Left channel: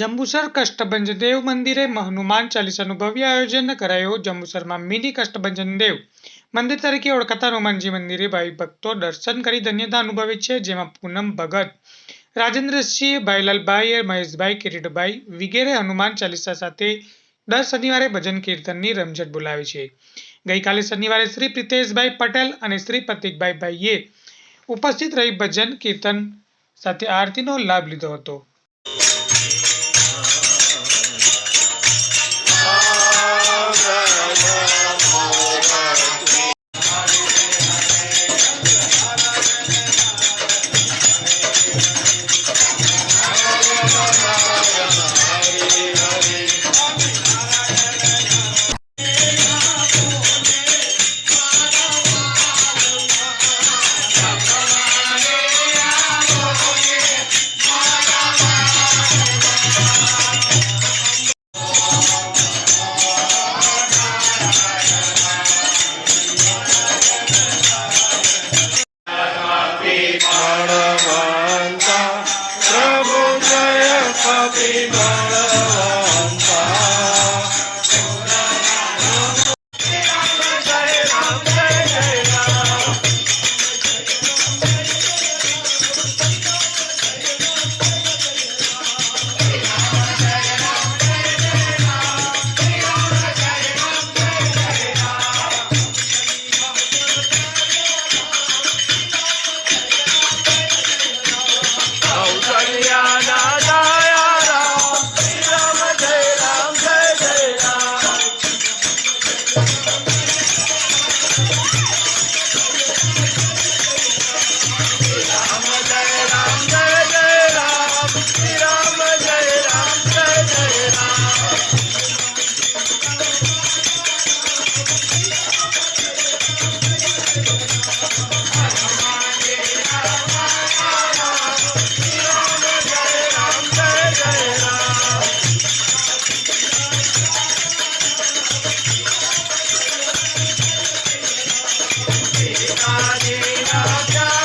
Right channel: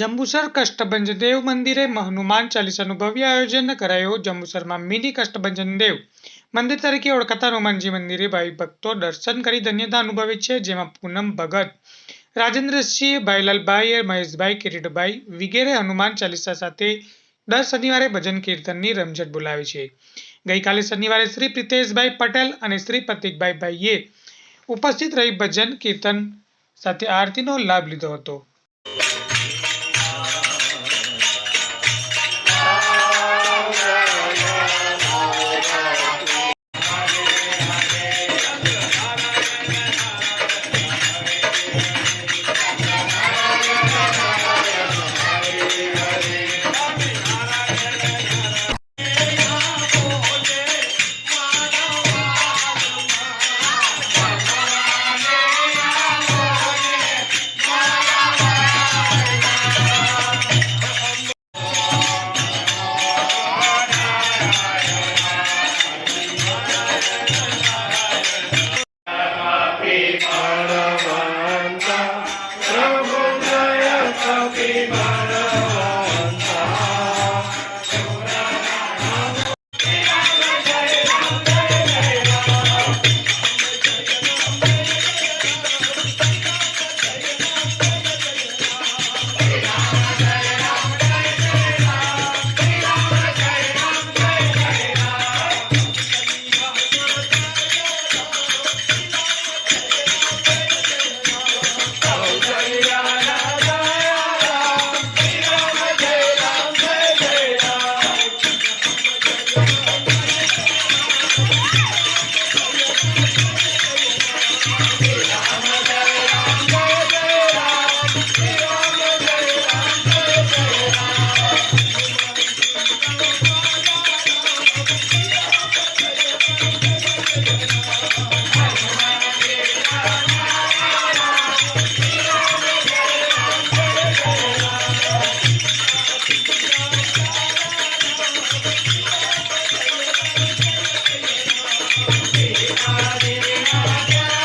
જંબુસર કષ્ટભંજન દેવ મંદિરે હનુમાન ચાલીસાનું ભવ્ય આયોજન કરાયું। જંબુસરમાં મિની કષ્ટભંજન દેવ મંદિર તરીકે ઓળખાતા હનુમાનજી મંદિરે ભાવિ ભક્તો દર્શન કરી ધન્યતા અનુભવે છે, જેમાં પૂનમ ભગત, રાજેન્દ્રસિંહ, ભાઈલાલભાઈ, મહેશભાઈ, કિરીટભાઈ વગેરે હનુમાન ચાલીસા સાથે દર શનિવારે ભજન કીર્તનની રમઝટ બોલાવે છે। ગઈકાલે શનિવારે શ્રી પ્રિતેશભાઈ પટેલ અને શ્રી પ્રતિકભાઈ ભાઈએ ઉપસ્થિત રહી ભજન કીર્તન સાથે આરતીનો લાભ લીધો હતો। Hare Rama